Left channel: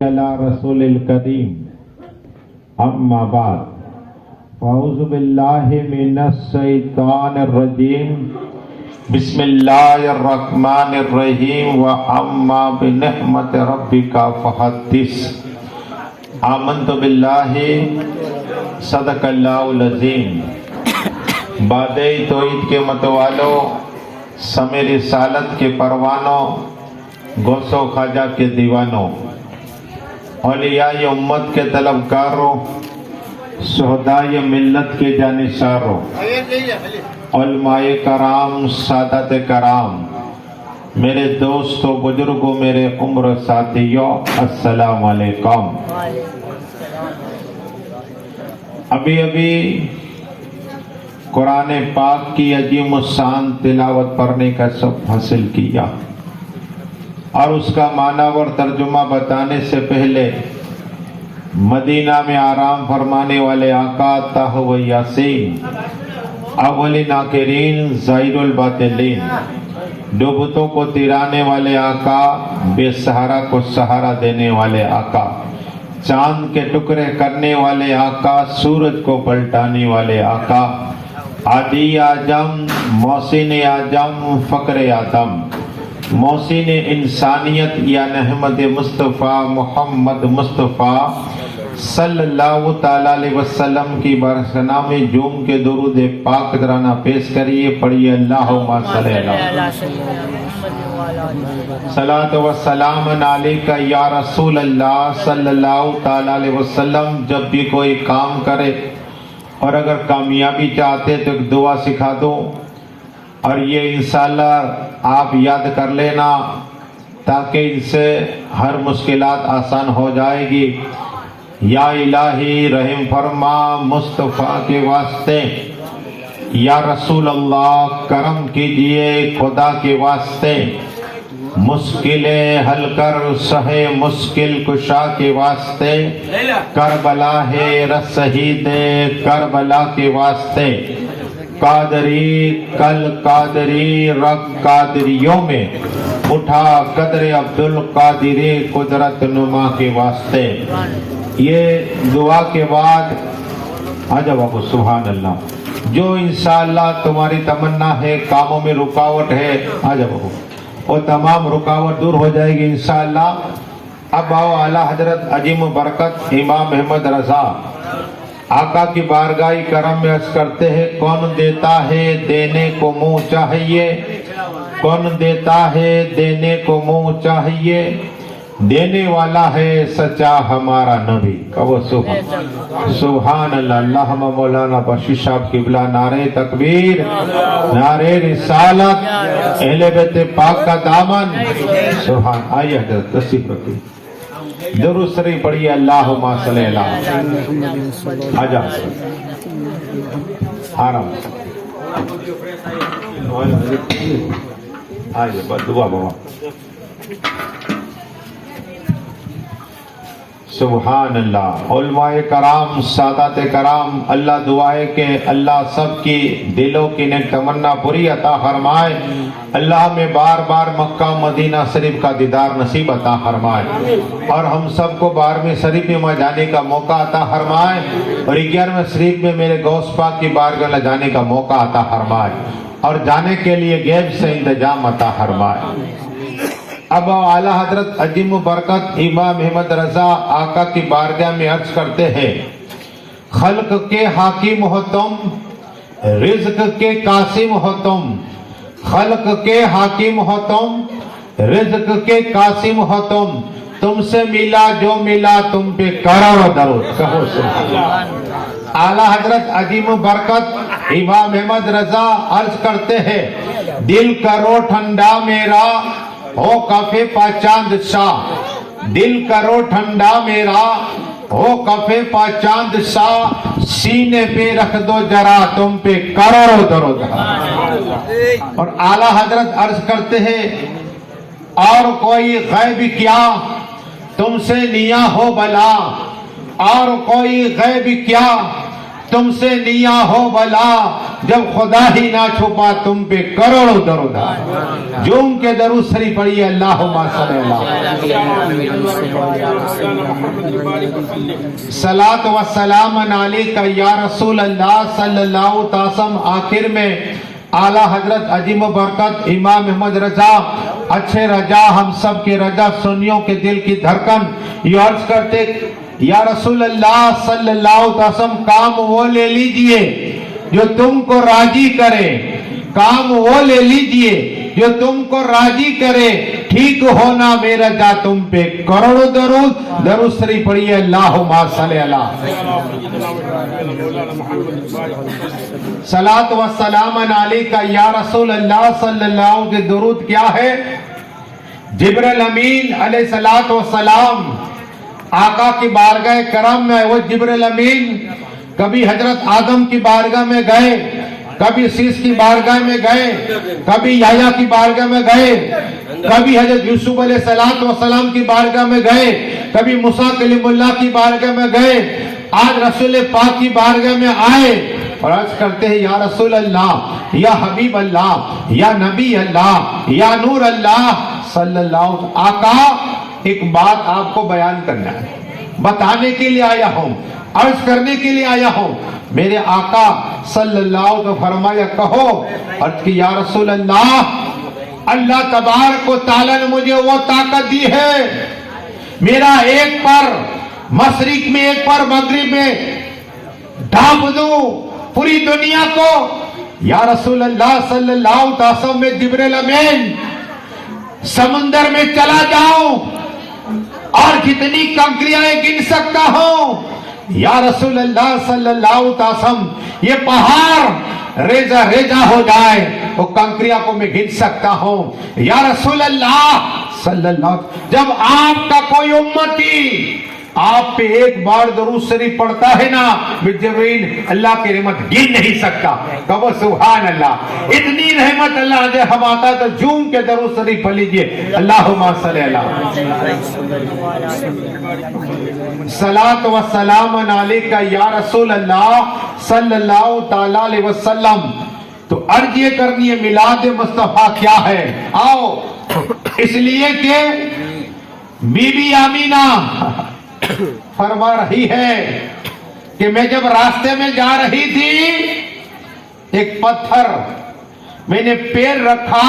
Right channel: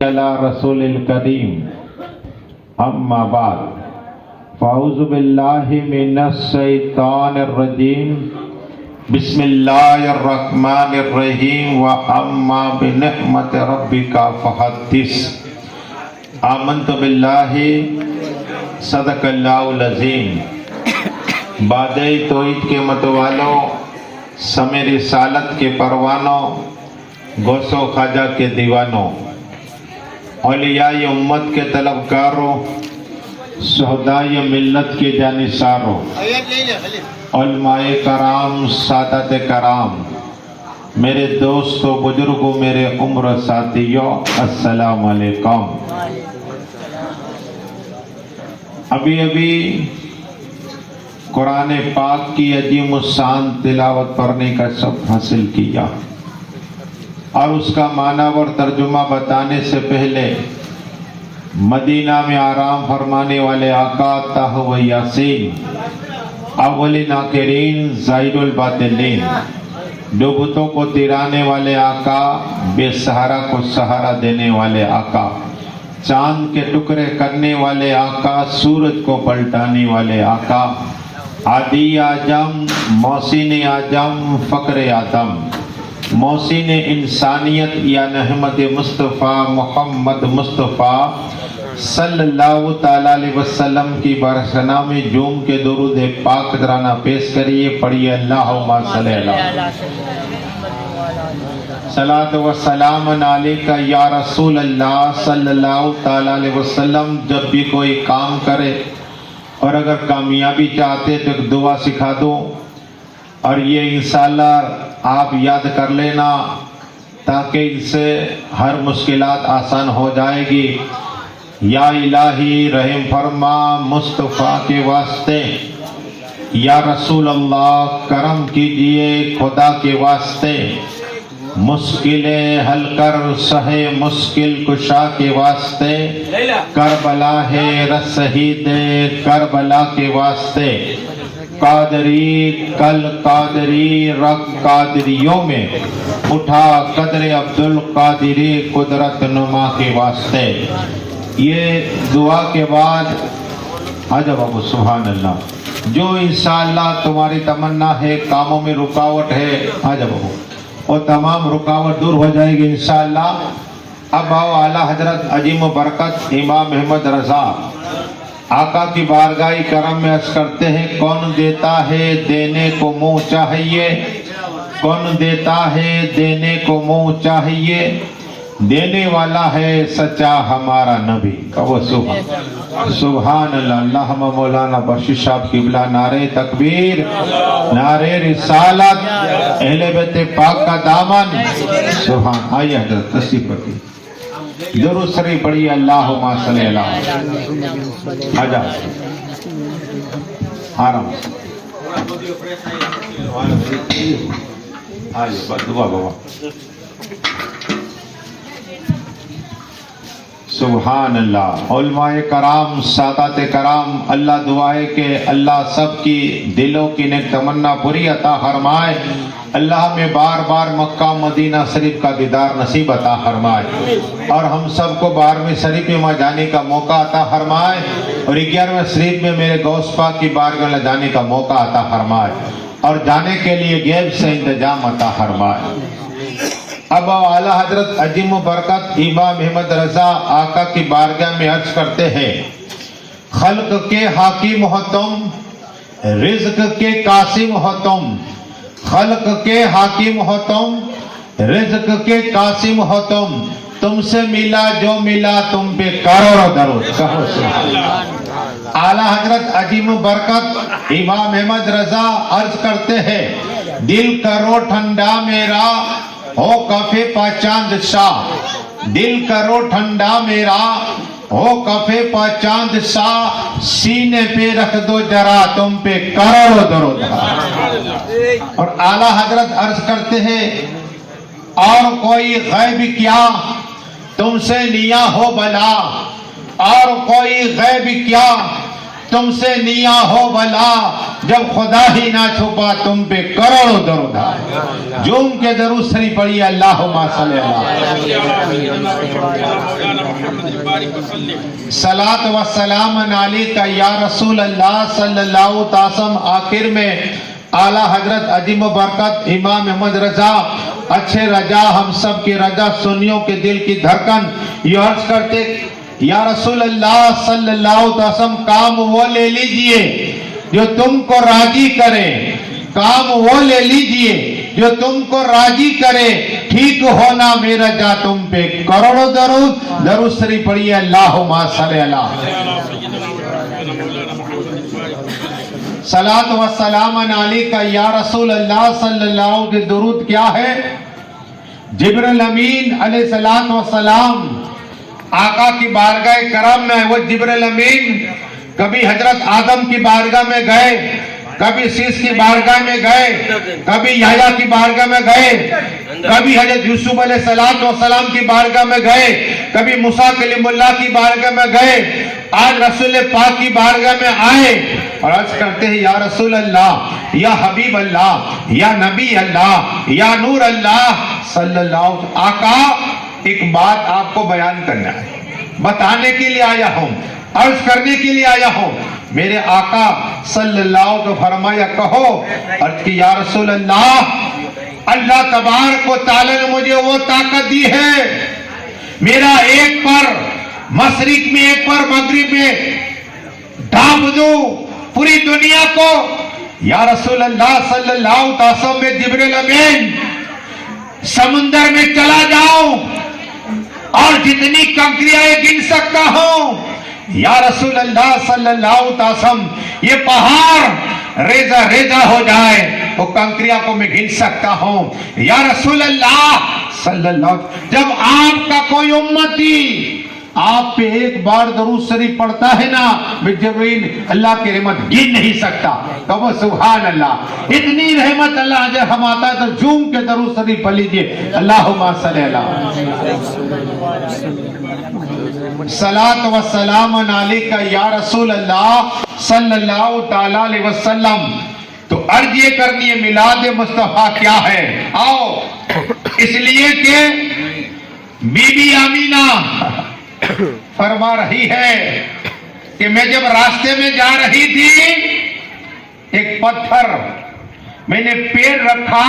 على رسول الكريم اما بعد فاعوذ باللہ من الشیطان الرجیم بسم اللہ الرحمن الرحیم واما بنعمت ربک فحدث آمنت باللہ صدق اللہ العظیم۔ بادئ توحید کے متوالوں، سمے رسالت کے پروانوں، غوث و خواجہ کے دیوانوں، اولیاء امت کے طلبکاروں، شہداء ملت کے جانثاروں، علماء کرام، سادات کرام، میرے دوستوں، بزرگوں، میرے عمر ساتھیوں، السلام علیکم۔ ابھی قرآن پاک کی عظیم الشان تلاوت پڑھنے کا سبق حاصل کیا، اور اس کا معنی اور ترجمہ بتانے سے پہلے مدینہ میں آرام فرمانے والے آقا طہ و یاسین، اولین آخرین، ظاہر الباطنین، ڈوبتوں کو ترانے والے آقا، بے سہارا کو سہارا دینے والے آقا، چاند کے ٹکڑے کرنے والے آقا، سورج کو پلٹانے والے آقا، عادی اعظم، محسن اعظم، فخر آدم، محسن انسانیت یا احمد مصطفیٰ محمد مصطفیٰ صلی اللہ تعالیٰ علیہ وسلم کی برسنا میں جوم کے درود پاک ترانہ پیش کریے، پڑھیے اللہم صلی اللہ صلاۃ و سلام علیکہ یا رسول اللہ صلی اللہ تعالیٰ علیہ وسلم۔ جب بھی کوئی کام کرے اور اگر کامیابی چاہتے تو ایک دعا سکھا دو، اور یہ انشاءاللہ آپ یاد کر لینا تاکہ ان سے ہر مشکلات آسان ہو جائے گی۔ یا الہی رحم فرما مصطفیٰ کے واسطے، یا رسول اللہ کرم کیجئے خدا کے واسطے، مشکلیں حل کر سہے مشکل کشا کے واسطے، کربلا ہے رس شہید کربلا کے واسطے، قادری کل قادری رب قادریوں میں اٹھا قدر عبدالقادری قدرت نما کے واسطے۔ یہ دعا کے بعد عجب ابو سبحان اللہ، جو انشاءاللہ تمہاری تمنا ہے، کاموں میں رکاوٹ ہے، عجب ابو وہ تمام رکاوٹ دور ہو جائے گی انشاءاللہ۔ اب آؤ اعلیٰ حضرت عظیم برکت امام احمد رضا آقا کی بارگاہ کرم میں عرض کرتے ہیں، کون دیتا ہے دینے کو منہ چاہیے، کون دیتا ہے دینے کو منہ چاہیے، دینے والا ہے سچا ہمارا نبی۔ کہو سبحان اللہ۔ اللہم مولانا بخشش صاحب قبلہ نعرہ تکبیر، نعرہ رسالت، اہل بیت پاک کا دامن، سبحان۔ آئیے حضرت تشریف رکھیے، درود شریف پڑھیے، اللہم صلی اللہ آجا آرام آئیے بس دعا بابا۔ سبحان اللہ۔ علماء کرام، سادات کرام، اللہ دعا ہے کہ اللہ سب کی دلوں کی نیک تمنا پوری عطا فرمائے، اللہ ہمیں بار بار مکہ مدینہ شریف کا دیدار نصیب عطا فرمائے، اور ہم سب کو 12ویں شریف میں جانے کا موقع عطا فرمائے، اور 11ویں شریف میں میرے غوث پاک کی بارگاہ میں جانے کا موقع عطا فرمائے، اور جانے کے لیے غیب سے انتظام عطا فرمائے۔ اب اعلیٰ حضرت عظیم برکت امام احمد رضا آقا کی بارگاہ میں عرض کرتے ہیں، خلق کے حاکم ہو تم، رزق کے قاسم ہو تم، خلق کے حاکم ہو تم، رزق کے قاسم ہو تم سے ملا جو ملا تم پہ کروڑ درود۔ کہو سبحان اللہ۔ اعلیٰ حضرت عظیم برکت امام احمد رضا عرض کرتے ہیں، دل کرو ٹھنڈا میرا ہو کفے پا چاند سا، دل کرو ٹھنڈا میرا ہو کفے پا چاند سا، سینے پہ رکھ دو جرا تم پہ کروڑ درود۔ اور اعلیٰ حضرت عرض کرتے ہیں، اور کوئی غیب کیا تم سے لیا ہو بلا، اور کوئی غیب کیا تم سے نیا ہو بلا جب خدا ہی نہ چھپا تم پہ کروڑوں درود جوم کے درود شریف پڑھیے اللہم صلی صلاۃ و سلام علیک یا رسول اللہ صلی اللہ تعالی وسلم. آخر میں اعلیٰ حضرت عظیم و برکت امام احمد رضا اچھے رجا ہم سب کے رجا سنیوں کے دل کی دھڑکن یہ عرض کرتے یا رسول اللہ صلی اللہ علیہ وسلم کام وہ لے لیجئے جو تم کو راضی کرے کام وہ لے لیجئے جو تم کو راضی کرے ٹھیک ہونا میرا جا تم پہ کروڑوں درود درود شریف پڑھیے اللہم صلی اللہ صلاۃ و سلام علیک یا رسول اللہ صلی اللہ علیہ وسلم. درود کیا ہے؟ جبرائیل امین علیہ الصلوۃ والسلام آقا کی بارگاہ کرم میں وہ جبرائیل امین کبھی حضرت آدم کی بارگاہ میں گئے کبھی سیس کی بارگاہ میں گئے کبھی یحییٰ کی بارگاہ میں گئے کبھی حضرت یوسف علیہ السلام کی بارگاہ میں گئے کبھی موسیٰ کلیم اللہ کی بارگاہ میں گئے آج رسول پاک کی بارگاہ میں آئے اور عرض کرتے ہیں یا رسول اللہ یا حبیب اللہ یا نبی اللہ یا نور اللہ صلی اللہ علیہ وسلم. آقا ایک بات آپ کو بیان کرنا ہے بتانے کے لیے آیا ہوں عرض کرنے کے لیے آیا ہوں. میرے آقا صلی اللہ علیہ وسلم فرمایا کہو. عرض کی یا رسول اللہ اللہ تبارک و تعالی نے مجھے وہ طاقت دی ہے میرا ایک پر مشرق میں ایک پر مغرب میں ڈھانپ دوں پوری دنیا کو. یا رسول اللہ صلی اللہ علیہ وسلم میں جبرائیل امین سمندر میں چلا جاؤں اور جتنی کنکریاں گن سکتا ہوں یا رسول اللہ صلی اللہ علیہ وسلم یہ پہاڑ ریزہ ریزہ ہو جائے وہ کنکریاں کو میں گن سکتا ہوں یا رسول اللہ صلی اللہ علیہ وسلم. جب آپ کا کوئی امتی آپ پہ ایک بار درود شریف پڑھتا ہے نا جبرائیل اللہ کی رحمت گن نہیں سکتا. کہو سبحان اللہ. اتنی رحمت اللہ جب ہم آتا ہے تو جھوم کے درود شریف پڑھ لیجئے اللہم صلی اللہ صلاۃ و سلام علیک یا رسول اللہ صلی اللہ تعالی علیہ وسلم. تو عرض یہ کرنی ہے میلاد مصطفیٰ کیا ہے. آؤ اس لیے کہ بی بی آمینہ فرما رہی ہے کہ میں جب راستے میں جا رہی تھی ایک پتھر میں نے پیر رکھا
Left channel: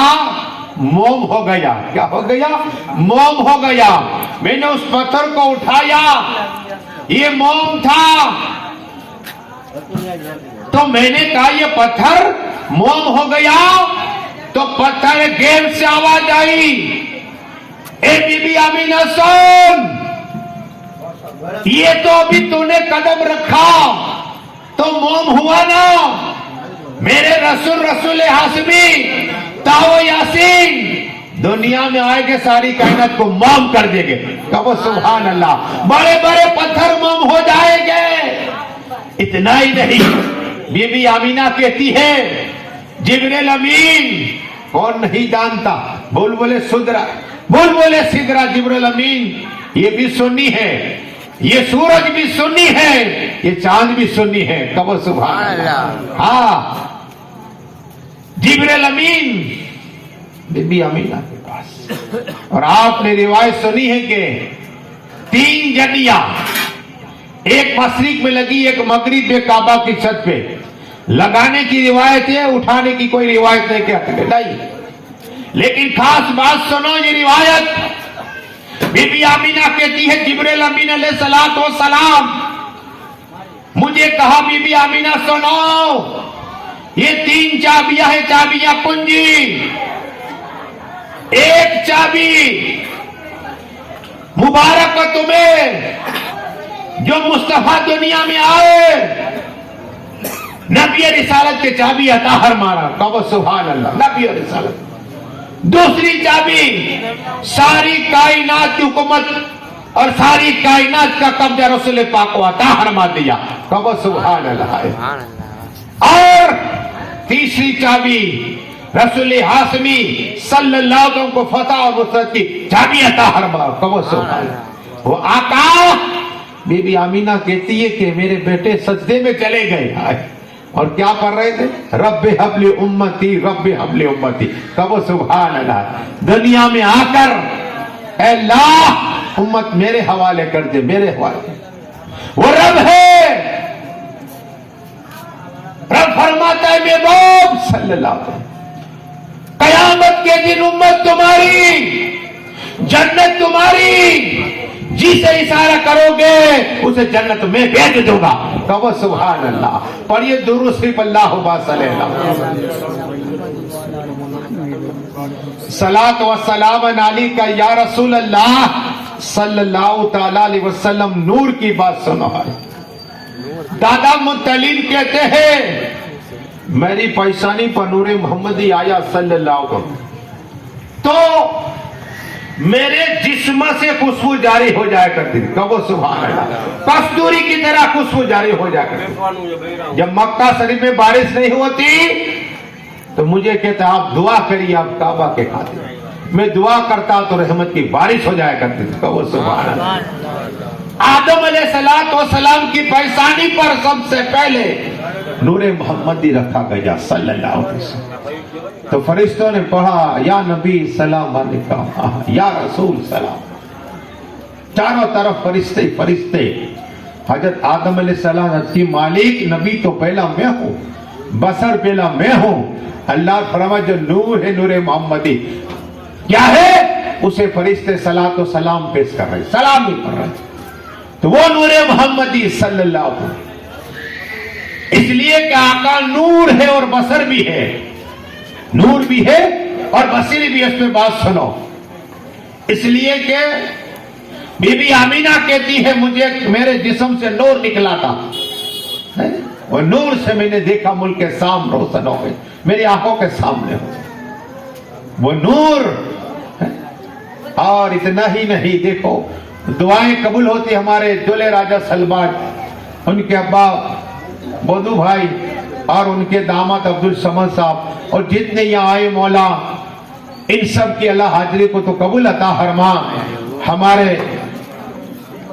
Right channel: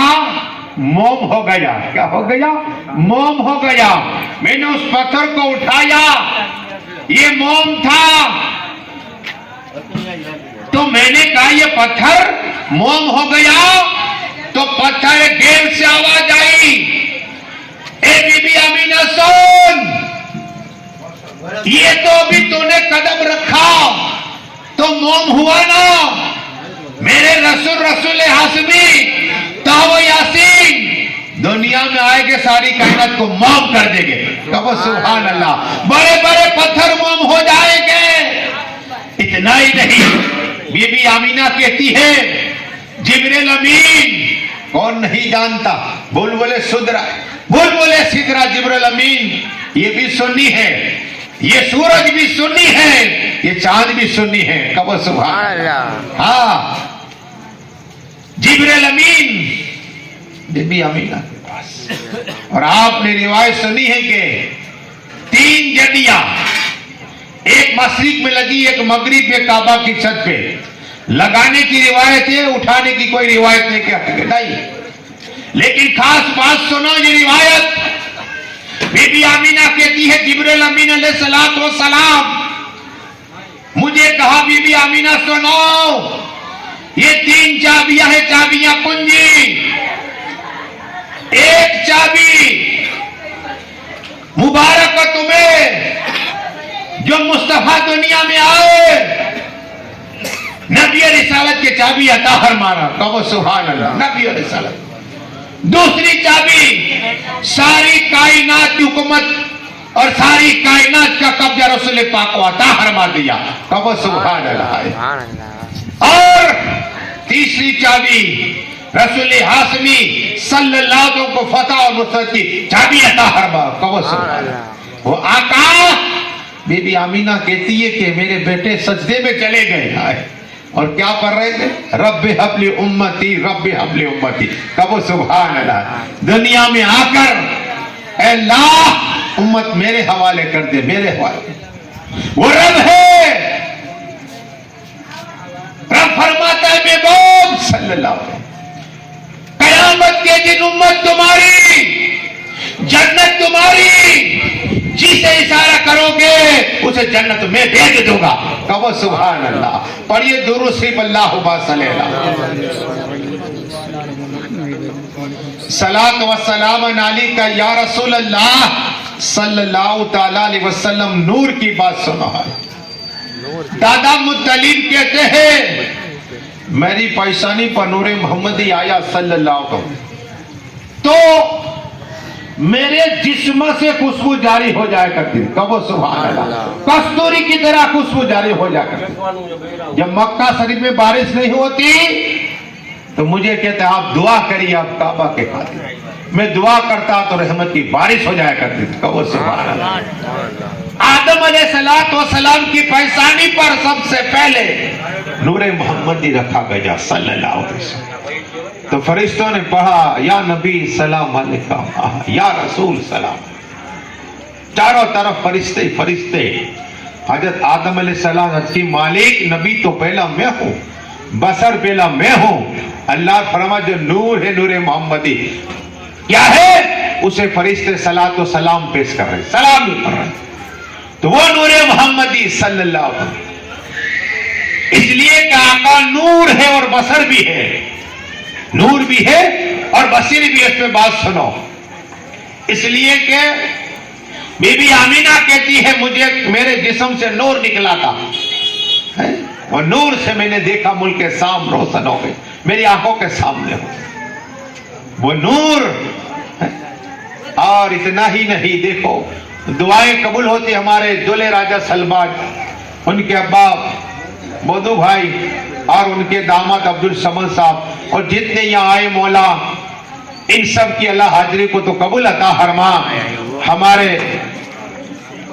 موم ہو گیا. کیا ہو گیا؟ موم ہو گیا. میں نے اس پتھر کو اٹھایا یہ موم تھا تو میں نے کہا یہ پتھر موم ہو گیا تو پتھر گیل سے آواز آئی اے بی بی آمینہ سن یہ تو ابھی تو نے قدم رکھا تو موم ہوا نا. میرے رسول ہاشمی تاو یاسین دنیا میں آئے گے ساری کائنات کو موم کر دیں گے. کہو سبحان اللہ. بڑے بڑے پتھر موم ہو جائیں گے. اتنا ہی نہیں بی بی آمینہ کہتی ہے جبرائیل امین کون نہیں جانتا بلبلے سدرا جبرائیل امین یہ بھی سنی ہے یہ سورج بھی سنی ہے یہ چاند بھی سنی ہے. کہو سبحان اللہ. ہاں جبرائیل امین بی بی آمینہ کے پاس اور آپ نے روایت سنی ہے کہ 3 جنیاں ایک مشرق میں لگی ایک مغرب میں کعبہ کی چھت پہ لگانے کی روایت ہے اٹھانے کی کوئی روایت نہیں کہتی. لیکن خاص بات سنو یہ روایت بی بی آمینہ کہتی ہے جبرائیل امین علیہ السلام مجھے کہا بی بی آمینہ سنو یہ 3 چابیاں ہیں چابیاں کنجی. ایک چابی مبارک تمہیں جو مصطفیٰ دنیا میں آئے نبی رسالت کے چابی عطا فرمانا. کہو سبحان اللہ. نبی رسالت. دوسری چابی ساری کائنات کی حکومت اور ساری کائنات کا قبضہ رسول پاک کو عطا فرما دیا. کہو سبحان اللہ. اور تیسری چابی رسول ہاشمی صلی اللہ علیہ وسلم کو فتح اور نصرت کی چابی عطا فرما. کہو سبحان اللہ. وہ آقا بی بی آمینہ کہتی ہے کہ میرے بیٹے سجدے میں چلے گئے اور کیا پڑھ رہے تھے؟ رب حبل امتی، رب حبل امتی. کہو سبحان اللہ. دنیا میں آ کر اے اللہ امت میرے حوالے کر دے، میرے حوالے. وہ رب ہے، رب فرماتا ہے محبوب صلی اللہ علیہ وسلم قیامت کے دن امت تمہاری، جنت تمہاری، جسے اشارہ کرو گے اسے جنت میں بھیج دوں گا. کہو سبحان اللہ. پڑھیے درود شریف اللہم صلی صلاۃ و سلام علیک یا رسول اللہ صلی اللہ تعالی علیہ وسلم. نور کی بات سنو. دادا مطلب کہتے ہیں میری پیشانی پر نور محمدی آیا صلی اللہ علیہ وسلم تو میرے جسم سے خوشبو جاری ہو جائے کرتی. کہو سبحان اللہ. کستوری کی طرح خوشبو جاری ہو جائے کرتی. جب مکہ شریف میں بارش نہیں ہوتی تو مجھے کہتے آپ دعا کریے آپ کعبہ کے خاطر. میں دعا کرتا تو رحمت کی بارش ہو جائے کرتی. کہو سبحان اللہ. آدم علیہ السلام کی پیشانی پر سب سے پہلے نور محمدی رکھا گیا صلی اللہ علیہ وسلم. تو فرشتوں نے پڑھا یا نبی سلام علیکم، یا رسول سلام. چاروں طرف فرشتے فرشتے. حضرت آدم علیہ السلام حضرت کی مالک نبی تو پہلا میں ہوں، بشر پہلا میں ہوں. اللہ فرمایا جو نور ہے نور محمدی کیا ہے اسے فرشتے صلاۃ و سلام پیش کر رہے، سلام بھی پڑھ رہے. تو وہ نور محمدی صلی اللہ علیہ وسلم. اس لیے کہ آقا نور ہے اور بصر بھی ہے، نور بھی ہے اور بصیر بھی. اس پہ بات سنو. اس لیے کہ بی بی آمینہ کہتی ہے مجھے میرے جسم سے نور نکلا تھا، اور نور سے میں نے دیکھا ملک کے شام روشن ہو گئے، میری آنکھوں کے سامنے ہو وہ نور. اور اتنا ہی نہیں، دیکھو دعائیں قبول ہوتی. ہمارے دولے راجہ سلمان، ان کے ابا بودو بھائی اور ان کے داماد عبد الصمد صاحب اور جتنے یہاں آئے مولا ان سب کی اللہ حاضری کو تو قبول عطا فرما. ہمارے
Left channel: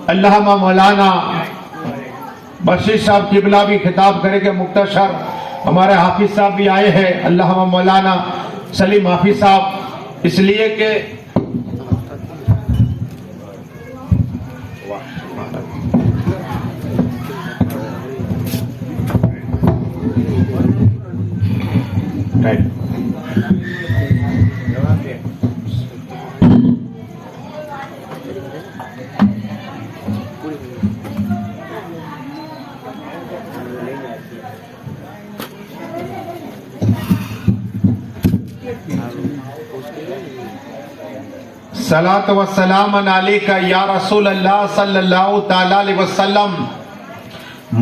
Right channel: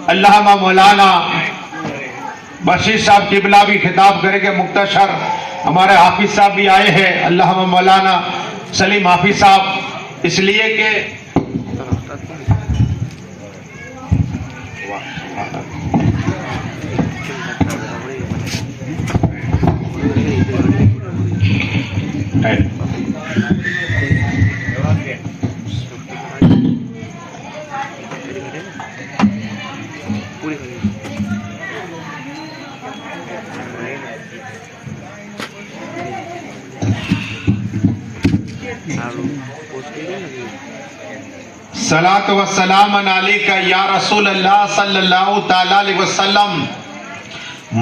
علامہ مولانا بشیر صاحب قبلہ بھی خطاب کرے گے مختصر. ہمارے حافظ صاحب بھی آئے ہیں علامہ مولانا سلیم حافظ صاحب. اس لیے کہ صلاۃ و سلام علیک یا رسول اللہ صلی اللہ تعالی علیہ وسلم.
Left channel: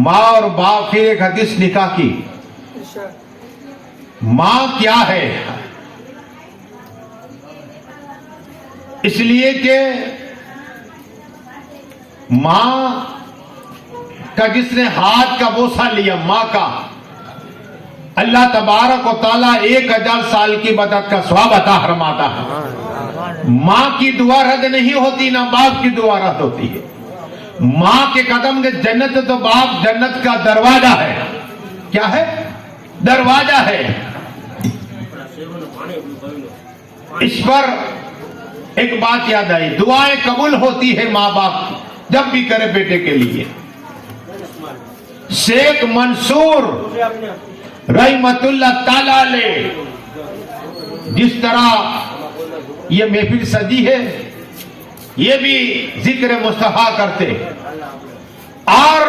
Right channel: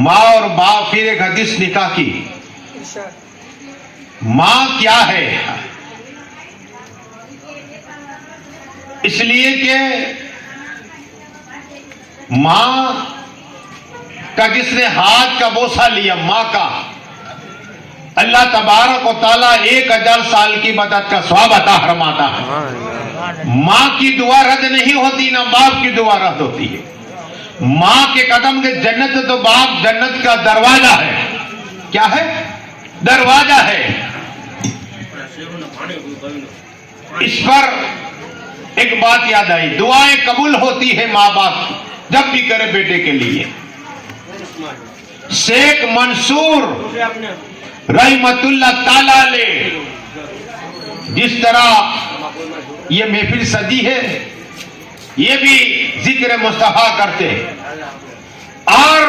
ماں اور باپ. پھر ایک حدیث نکاح کی. ماں کیا ہے؟ اس لیے کہ ماں کا جس نے ہاتھ کا بوسہ لیا ماں کا، اللہ تبارک و تعالیٰ 1000 سال کی مدد کا ثواب عطا فرماتا ہے. ماں کی دعا رد نہیں ہوتی، نہ باپ کی دعا رد ہوتی ہے. ماں کے قدم کے جنت، تو باپ جنت کا دروازہ ہے. کیا ہے؟ دروازہ ہے. اس پر ایک بات یاد آئی، دعائیں قبول ہوتی ہے ماں باپ جب بھی کرے بیٹے کے لیے. شیخ منصور رحمت اللہ تعالی علیہ جس طرح یہ محفل سجی ہے، یہ بھی ذکر مصطفیٰ کرتے اور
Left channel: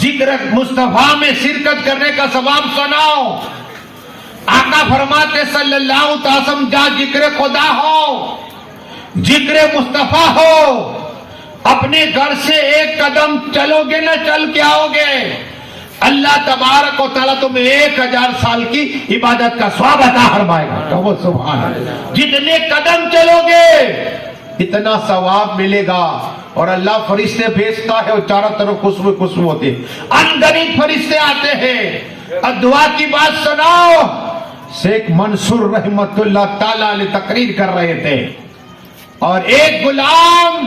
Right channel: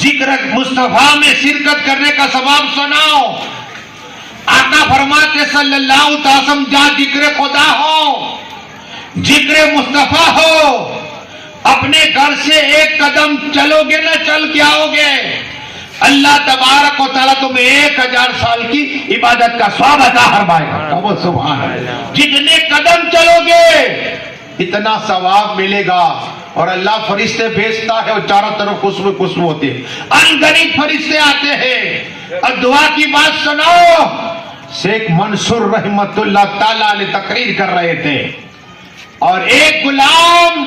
ذکر مصطفیٰ میں شرکت کرنے کا ثواب سناؤ. آقا فرماتے صلی اللہ علیہ وسلم جہاں ذکر خدا ہو، ذکر مصطفیٰ ہو، اپنے گھر سے ایک قدم چلو گے نہ چل کے آؤ گے، اللہ تبارک و تعالیٰ تمہیں 1000 سال کی عبادت کا ثواب عطا فرمائے گا. کہو سبحان اللہ. جتنے قدم چلو گے اتنا ثواب ملے گا. اور اللہ فرشتے بھیجتا ہے اور چاروں طرف خوشبو خوشبو ہوتی ہے. انگنت فرشتے آتے ہیں اور دعا کی بات سنو. شیخ منصور رحمت اللہ تعالیٰ علیہ تقریر کر رہے تھے اور ایک غلام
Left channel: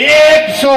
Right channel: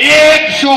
100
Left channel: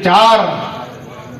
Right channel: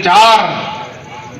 4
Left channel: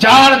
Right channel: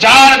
4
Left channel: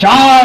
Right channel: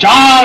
4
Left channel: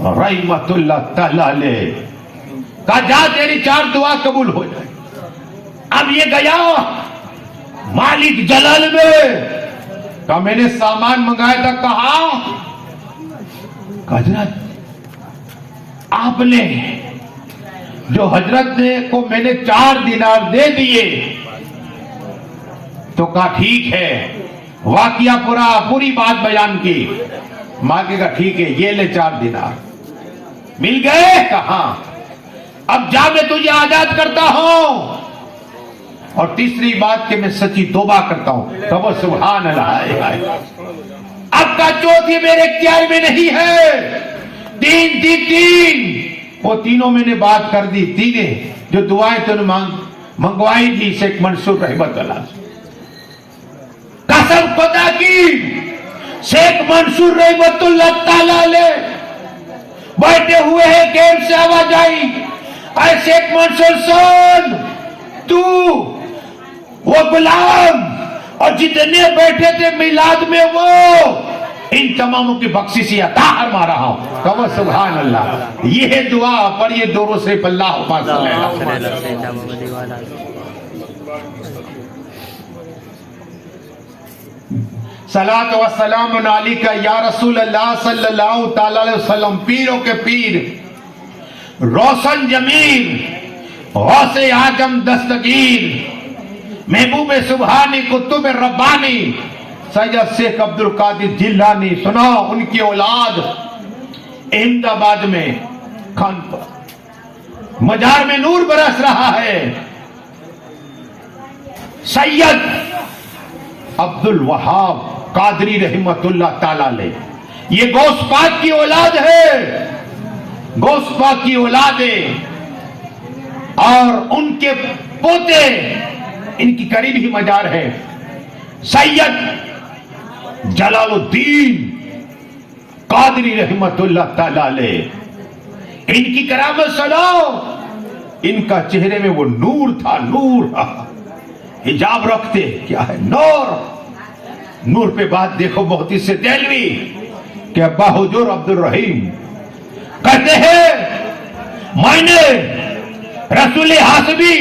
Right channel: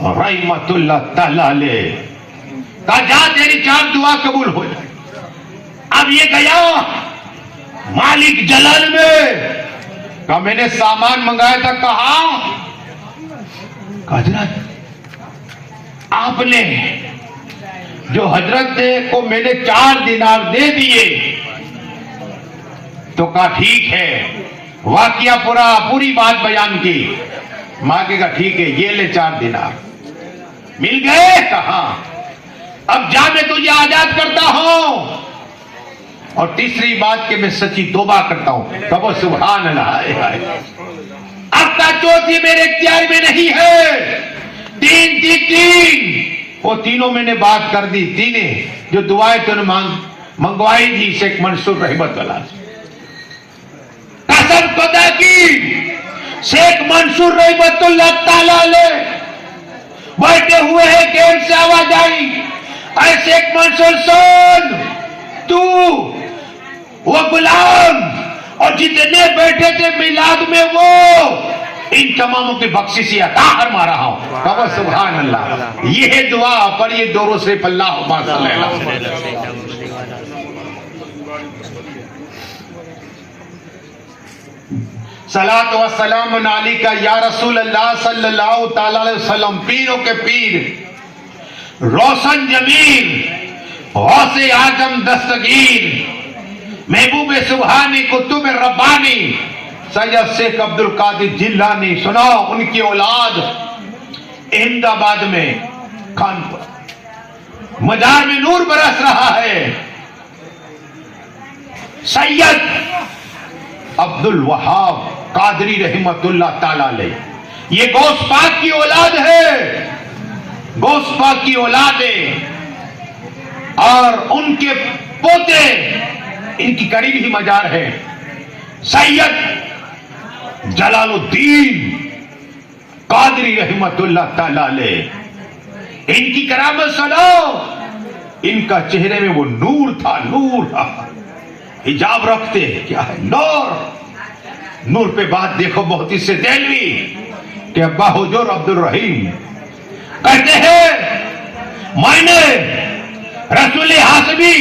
رحمت اللہ تعالیٰ علیہ، کہا جا تیری 4 دعا قبول ہو جائے۔ اب یہ گیا مالک جلال میں، کہا میں نے سامان منگایا تھا، کہا حضرت آپ نے جو حضرت کو میں نے 4 دینار دے دیے، تو کہا ٹھیک ہے، واقعہ پوری بات بیان کی۔ ماں کے کہا ٹھیک ہے، یہ لے 4 دینار مل گئے، کہا اب جا میں تجھے آزاد کرتا ہوں، اور تیسری بات کہ میں سچی توبہ کرتا ہوں۔ کہو سبحان اللہ۔ اب کا چوتھی میرے اختیار میں نہیں ہے، 3 وہ تینوں میں نے بات کر دی، تینے جو دعائیں تو نے منگوائی تھی شیخ منصور رحمت اللہ سے، قسم خدا کی شیخ منصور رحمت اللہ تعالی علیہ بیٹھے ہوئے ہیں، کیم سے آواز آئی، اے شیخ منصور سن، تو وہ غلام اور جتنے بیٹھے تھے میلاد میں وہ ان تماموں کی بخشش عطا فرما رہا ہوں۔ کہو سبحان اللہ۔ یہ دعا پر یہ دوروں سے اللہ صلی اللہ علیہ وسلم۔ صلاۃ و سلام علیکہ یا رسول اللہ صلی اللہ تعالی علیہ وسلم، پیروں کے پیر، روشن ضمیر، غوث اعظم دستگیر، محبوب سبحانی، قطب ربانی، سید شیخ عبد القادر جیلانی، سنا ان کی اولاد احمد آباد میں خان پر مزار میں نور برس رہا ہے۔ سید عبد الوہاب قادری رحمت اللہ تعالی علیہ، یہ غوث پاک کی اولاد ہے، غوث پاک کی اولاد ہے، اور ان کے پوتے ان کی قریب ہی مزار ہے۔ سید جلال الدین قادری رحمت اللہ تعالی علیہ، ان کی کرامت سنو، ان کا چہرے میں وہ نور تھا، نور تھا، حجاب رکھتے، کیا ہے نور، نور پہ بات دیکھو بہت ہی سے دہلوی کہ ابا حضور عبد الرحیم کہتے ہیں میں نے رسول حاسبی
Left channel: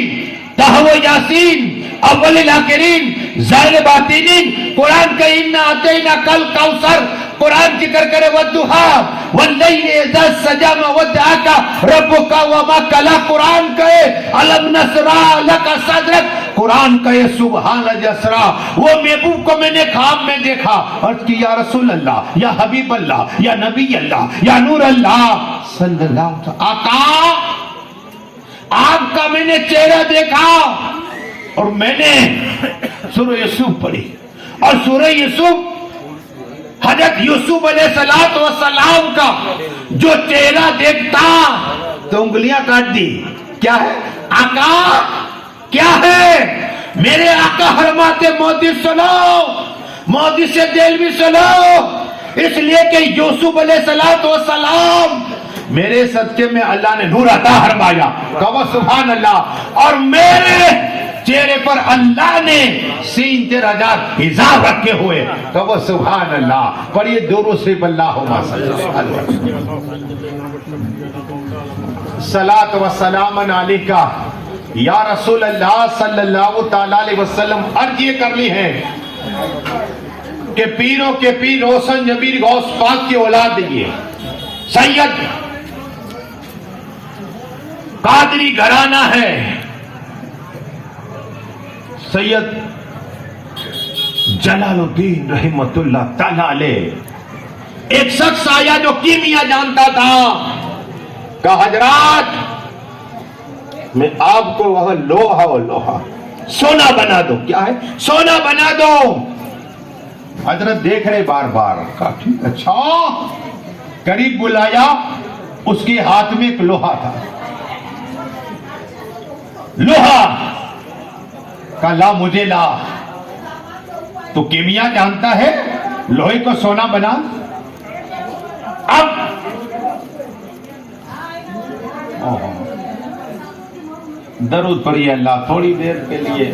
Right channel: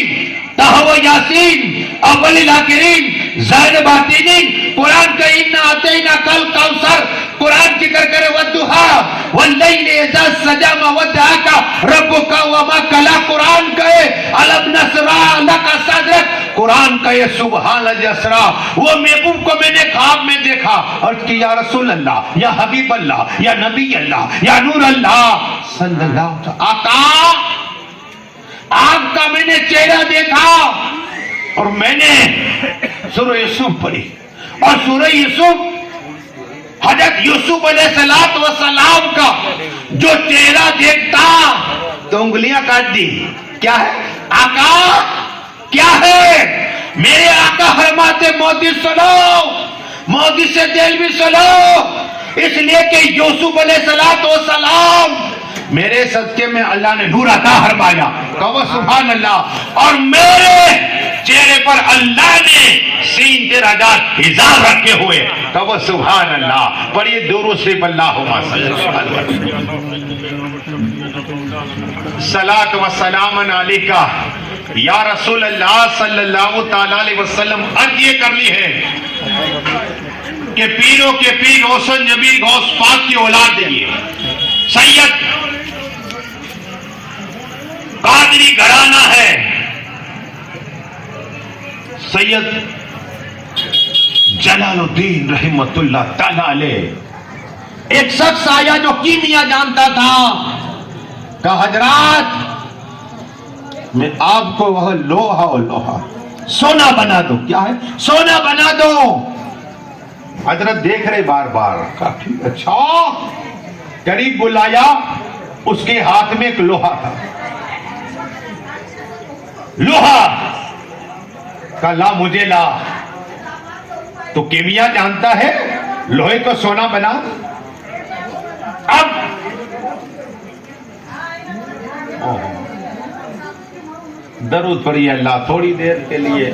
تہو یاسین اول الاخرین زین باطنین قرآن کا انا اعطینا کل کوثر، قرآن کی کرے والضحیٰ واللیل اذا سجا ما ودعک ربک وما قلی، قرآن کہے الم نشرح لک صدرک، قرآن کہے سبحان الذی اسری۔ وہ محبوب کو میں نے خواب میں دیکھا، عرض کی یا رسول اللہ، یا حبیب اللہ، یا نبی اللہ، یا نور اللہ صلی اللہ علیہ وسلم، آقا آپ کا میں نے چہرہ دیکھا، اور میں نے سورہ یوسف پڑھی، اور سورہ یوسف حضرت یوسف علیہ السلام کا جو چہرہ دیکھتا تو انگلیاں کاٹ دی۔ کیا ہے آقا، کیا ہے؟ میرے آقا فرماتے مودی سنو، مودی سے دل بھی سنو، اس لیے کہ یوسف علیہ السلام میرے صدقے میں اللہ نے نور عطا فرمایا، کہو سبحان اللہ، اور میرے چہرے پر اللہ نے سین 13,000 حجاب رکھے ہوئے، کہو سبحان اللہ۔ پر یہ دوروں سے اللہم صلی اللہ علیہ وسلم، صلاۃ و سلام علیکہ یا رسول اللہ صلی اللہ تعالی علیہ وسلم۔ عرض یہ کرنی ہے کہ پیروں کے پیر روشن ضمیر غوث پاک کی اولاد یہ سید قادری گھرانہ ہے، سید جلال الدین رحمت اللہ تعالی علیہ۔ ایک شخص آیا جو کیمیا جانتا تھا، کہا حضرات میں آپ کو وہ لوہا سونا بنا دو۔ کیا ہے؟ سونا بنا دو۔ حضرت دیکھ رہے بار بار، کہا ٹھیک، اچھا، قریب بلایا، اس کے ہاتھ میں ایک لوہا تھا، لوہا کا لا مجھے لا، تو کیمیا جانتا ہے لوہے کو سونا بنا۔ اب درود پڑھیے اللہ تھوڑی دیر کے لیے۔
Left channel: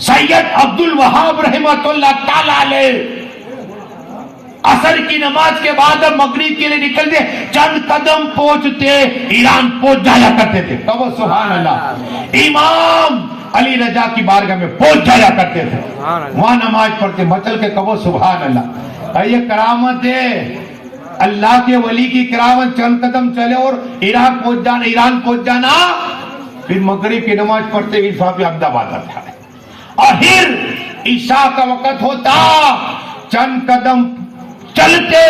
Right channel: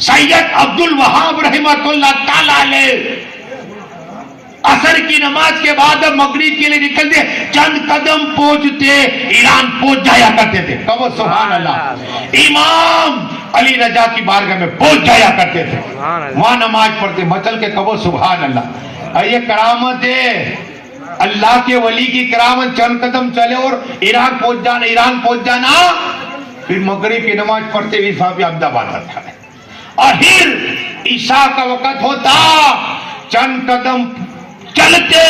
سید عبد الوہاب رحمۃ اللہ تعالی علیہ عصر کی نماز کے بعد مغرب کے لیے نکلتے، چند قدم پہنچتے ایران پہنچ جایا کرتے تھے. کہو سبحان اللہ. امام علی رضا کی بارگاہ میں پہنچ جایا کرتے تھے، وہاں نماز پڑھتے. مچل کے کہو سبحان اللہ. یہ کرامت ہے، اللہ کے ولی کی کرامت. چند قدم چلے اور ایران پہنچ جانا. پھر مغرب کی نماز پڑھتے ہوئے صاحب احمد آباد تھا، اور پھر عشاء کا وقت ہوتا، چند قدم چلتے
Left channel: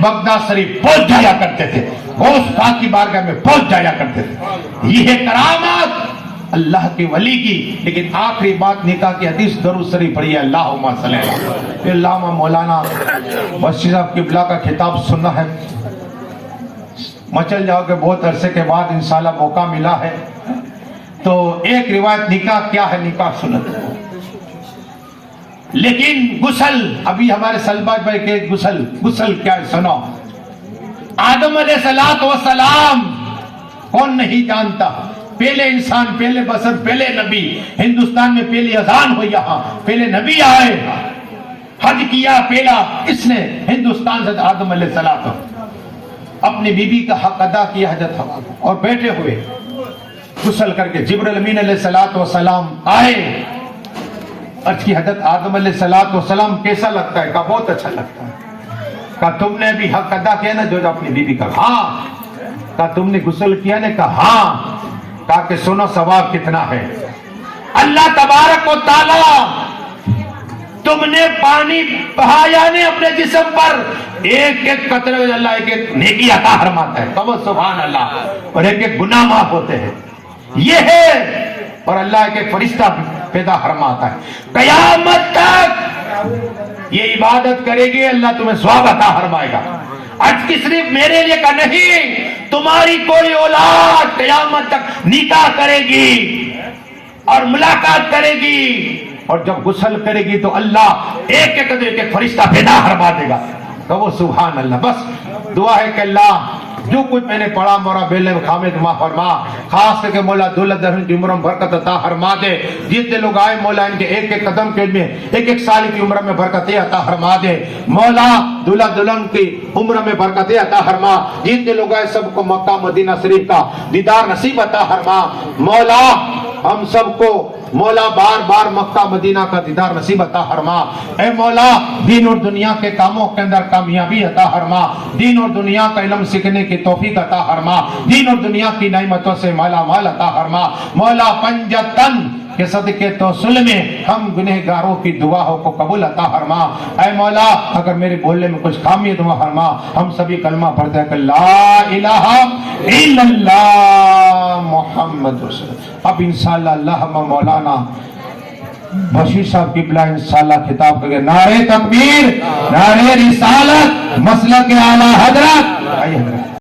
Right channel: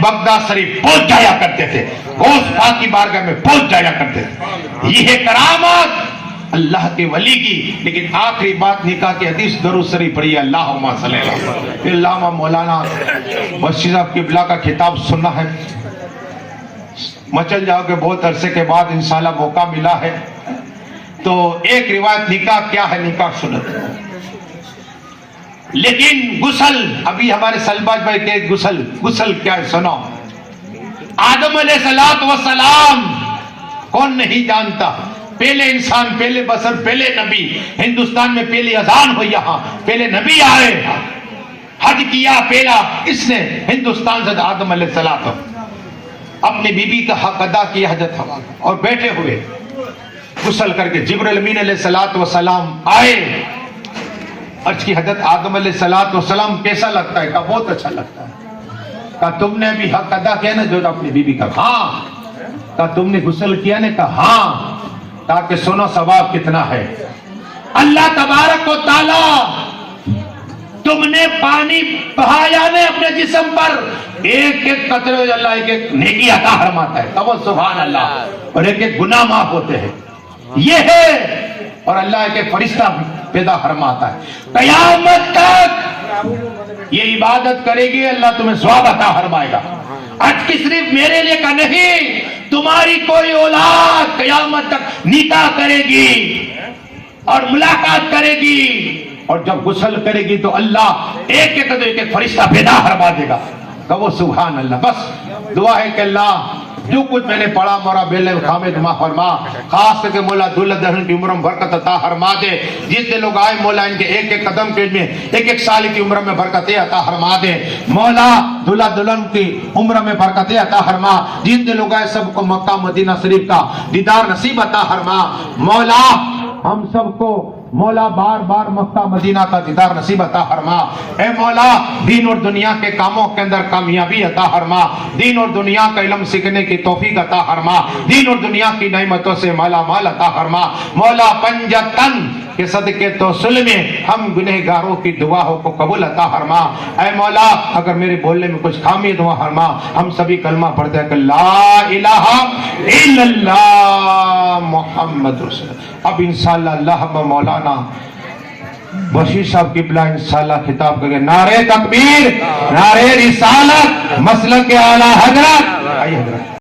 بغداد شریف پہنچ جایا کرتے تھے، غوث پاک کی بارگاہ میں پہنچ جایا کرتے تھے. یہ ہے کرامت اللہ کے ولی کی. لیکن آخری بات نکاح کی حدیث درود شریف پڑھیے، اللہم صلی اللہ علیہ وسلم. علامہ مولانا بشیر صاحب قبلہ کا خطاب سننا ہے. مچل جاؤ کہ بہت عرصے کے بعد انشاءاللہ موقع ملا ہے، تو ایک روایت نکاح کیا ہے، نکاح سنت. لیکن غسل، ابھی ہمارے سلباج بھائی کے غسل کیا ہے سنو. آدم علیہ السلام کون نہیں جانتا، پہلے انسان، پہلے بشر، پہلے نبی. ہندوستان میں پہلی اذان ہوئی، یہاں پہلے نبی آئے، حج کیا پہلا اس نے ہندوستان سے آدم علیہ السلام. اپنی بیوی کا حق ادا کیا حضرت حوا، اور بیٹھے ہوئے غسل کر کے جبرائیل امین علیہ السلام آئے. عرض کی حضرت آدم علیہ السلام کیسا لگتا ہے؟ کہا بہت اچھا لگتا ہے. کہا تم نے بھی حق ادا کیا نا جو اپنی بیوی کا؟ ہاں. کہا تم نے غسل کیا نا؟ کہا ہاں. کہا کہ سنو ثواب کتنا ہے. اللہ تبارک و تعالی تم نے پانی بہایا نے اپنے جسم پر، ایک ایک قطرے اللہ ایک ایک نیکی عطا فرماتا ہے. کہو سبحان اللہ. اور ایک ایک گناہ معاف ہوتے ہیں. یہ ہے. اور اللہ ایک ایک فرشتہ پیدا فرماتا ہے. قیامت تک یہ عبادت کرے گی، اللہ تمہیں ثواب عطا فرمائے گا. آج کی صرف میرے لیے کا نہیں، تمہاری کوئی اولاد قیامت تک نکاح کرے گی اور ملاقات کرے گی، اور جب غسل کرے گی تو اللہ ایک ایک فرشتہ پیدا فرما دے گا. کہو سبحان اللہ. بس دعا ہے کہ اللہ جو کچھ میں نے پڑھا مولا بیلے خامد ما فرما، خاص کر کے مولا دولہ دہن کی عمر میں برکت عطا فرما دے. جتنے لوگ آئے مولا ان کے ایک ایک قدم کے میں ایک ایک سال کی عمر میں برکتیں عطا فرما دے. مولا دولہ دلہن کی عمر میں برکتیں عطا فرما. جتنے لوگ آئے سب کو مکہ مدینہ شریف کا دیدار نصیب عطا فرما. مولا ہم سب کو مولا بار بار مکہ مدینہ کا دیدار نصیب عطا فرما. اے مولا دین اور دنیا کے کاموں کے اندر کامیابی عطا فرما. دین اور دنیا کا علم سیکھنے کی توفیق عطا فرما. دین اور دنیا کی نعمتوں سے مالا مال عطا فرما. مولا پنجتن کے صدقے توسل میں ہم گنہگاروں کی دعاوں کو قبول عطا فرما. اے مولا اگر میرے بولنے میں کچھ خامی دعا فرما. ہم سبھی کلمہ پڑھتے ہیں کہ لا الہ الا اللہ محمد رسول. اب انشاءاللہ اللہ مولانا بشیر صاحب قبلہ انشاءاللہ خطاب کریں. نعرہ تکبیر، نعرہ رسالت، مسلک اعلی حضرت. آئیے حضرت.